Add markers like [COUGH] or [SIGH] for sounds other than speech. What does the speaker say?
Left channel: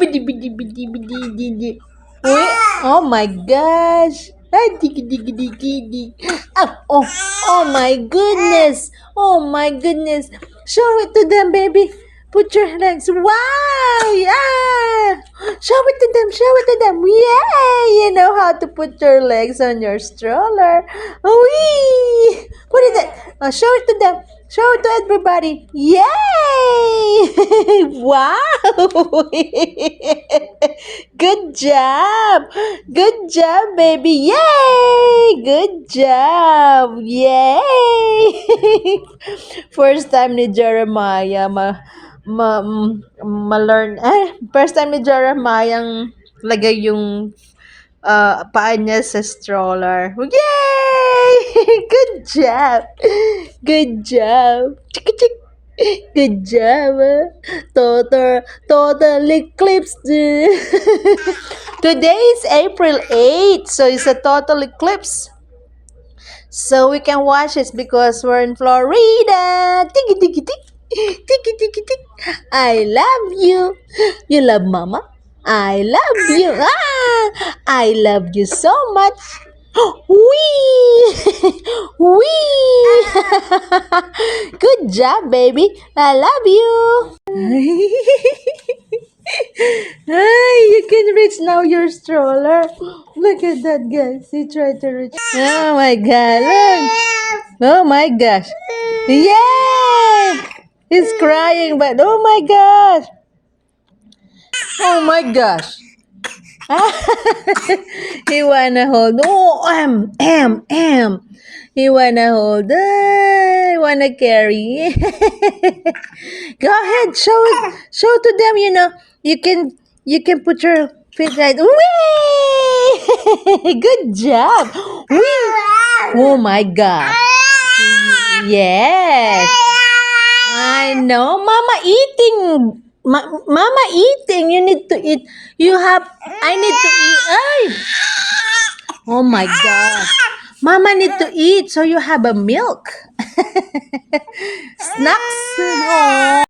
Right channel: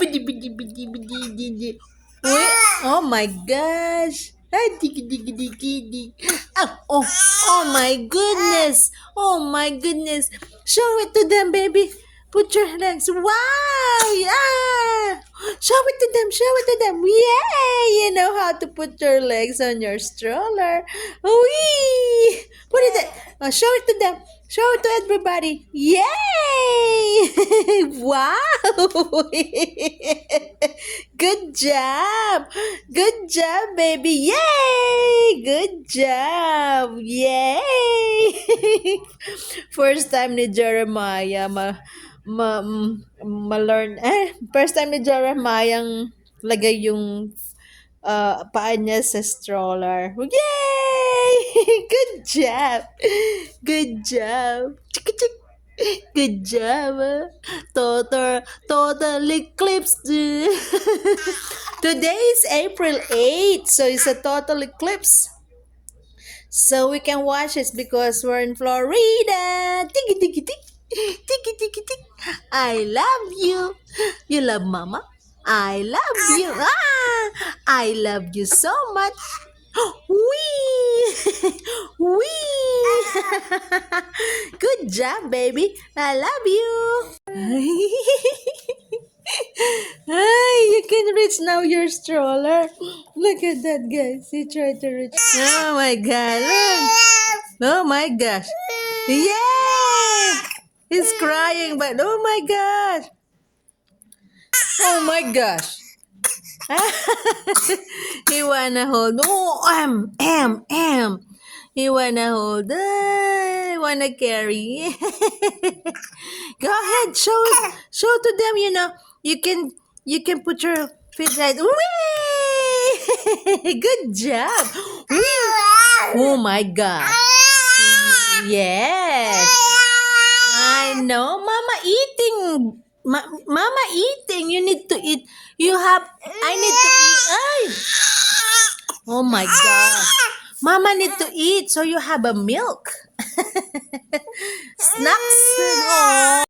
bidi bidi bidi bidi bidi. Oh my gosh. Ah, digi digi digi digi. Ah, oh, oh my goodness. Oh my goodness. Show it to them, baby. Put your legs. Wow, yeah. Show it to them. Show it to them. Yeah. You know how to put your legs on your stroller. Wee! What is it? Oh, show it to them. Show it to everybody. Yay! [LAUGHS] wow! [LAUGHS] Good job. Good job, baby. Yay! Good job. Yay! [LAUGHS] First time ni Jeremiah ma ma m- ma-learn eh first time ni Jeremiah ang lagay yung ah, paa niya sa stroller. Yay! Good job. Good job. Chik chik. Good job. ah. Total total eclipse. [LAUGHS] Today is April 8, so it's a total eclipse. So we can watch it because we're in Florida. Tiki tiki tik. Tiki tiki tik. I love you. You love mama? I love you. [LAUGHS] Ah, I love you so much. [GASPS] Wee! [LAUGHS] Wee! [LAUGHS] Good job, baby. I love you. Ay, you can reach now your stroller. Look at that, guys. He tried to reach. Oh my god. Look. Oh my gosh. Yay! He's crying, but oh my gosh. Oh my gosh. [LAUGHS] he wanna hold. Oh, M, M, M. He wanna hold. Uh, wanna carry. [LAUGHS] Go ahead, show. Show to them. You know, you can you can put your feet right. Whee! [LAUGHS] Good job. Whee! Oh my God. Yes. I know, Mama eating. Ma- Mama eating. You need to eat. You have. I need to eat. Ay! Oh my God. Mama need to eat, so you have a milk. [LAUGHS] Snacks. Aw.